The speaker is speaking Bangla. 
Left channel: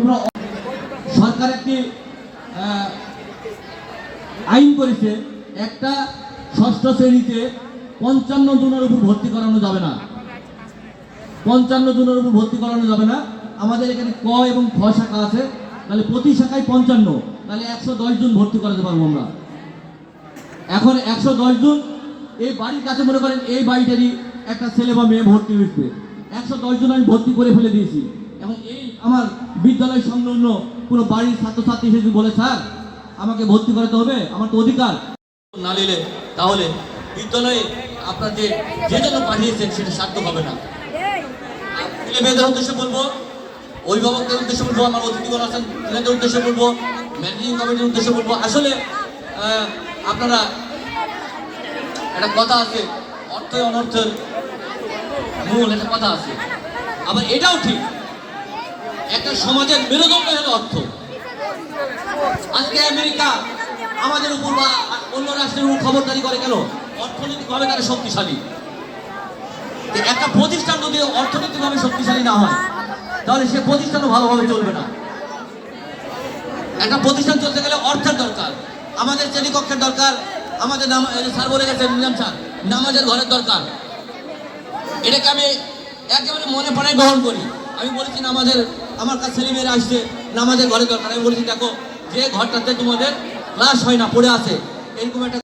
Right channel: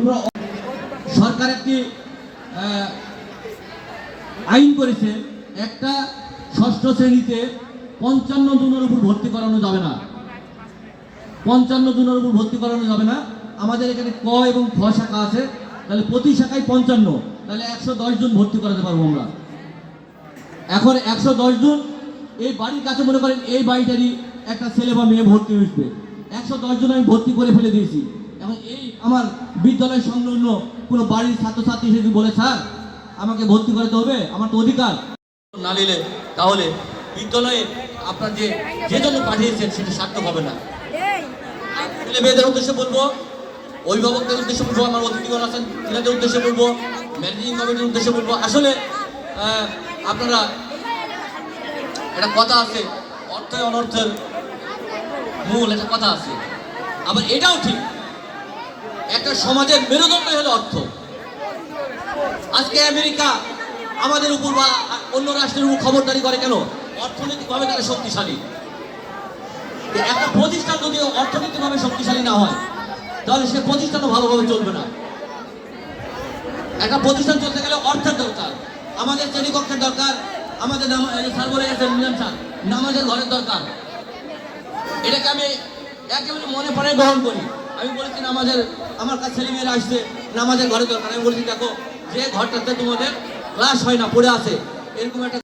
কোনো সরকার একটি আইন করেছে, একটা ষষ্ঠ শ্রেণীতে পঞ্চান্ন জনের উপর ভর্তি করানো যাবে না। পঞ্চান্ন জনের উপর ভর্তি করানো যাবে না। আমাদের এখানে ক এবং খ শাখা আছে, তাহলে প্রতি শাখায় পঞ্চান্ন। তাহলে একশো দশ জন ভর্তি করাতে পারব আমরা। এখন একশো দশ জন, এই বাড়ির কাছে মনে করেন এই বাড়িটারই একটা ছেলে বা মেয়ে ভর্তি হয়েছে। একশো দশ জন আমি ভর্তি করে ফেলে দিয়েছি। এবং এই আমার বিদ্যালয় সংলগ্ন পুরো বাড়ির ছাত্রছাত্রী এসে বলে, স্যার, আমাকে ভর্তি করাতে হবে, আমার তো অধিকার। না নিলে তাহলে বিদ্যালয়ে আপনাকে যে জন্য পাঠিয়েছেন সেটা সার্থক হবে না। ছেলে মেয়েদের উদ্দেশ্যে বলব, অভিভাবকদের উদ্দেশ্যে বলব, আমার অতিথিগণ আছেন, ছেলেদের উদ্দেশ্যে বলব ম্যানেজিং কমিটির উদ্দেশ্যে বলব। আসলে আপনারা একটা কথা আছে, অর্থে অনর্থের মূল একটা কথা আছে। আবার এটাও ঠিক একটা সমাজের মেরুদণ্ড হলো অর্থ। আজকে আমেরিকা আমাদের উপর বা অন্য রাষ্ট্রের উপর খবরদারি করে কেন? অর্থনৈতিকভাবে তারা শক্তিশালী। একটা প্রতিষ্ঠান যদি অর্থনৈতিকভাবে শক্তিশালী না হয়, তাহলে সে প্রতিষ্ঠানও ভালোভাবে চলবে না। একটা প্রতিষ্ঠান চলতে গেলে অর্থের দরকার। আমাদের শ্রেণীকক্ষের দরকার, আমাদের নাম বলে নিলাম স্যার, নামাজের ঘরের দরকার। এটাকে আমি একেবারে মনে প্রাণে গ্রহণ করি। আমি বলছি নামাজের, আমার কাছে ছেলেমেয়েরা আসছে, নামাজের ঘরে দরকার। আমি বলছি, দেখো, যে ঘরটাতে তোমাদের ক্লাস হয় না, পড়ে আছে, এরকম একটা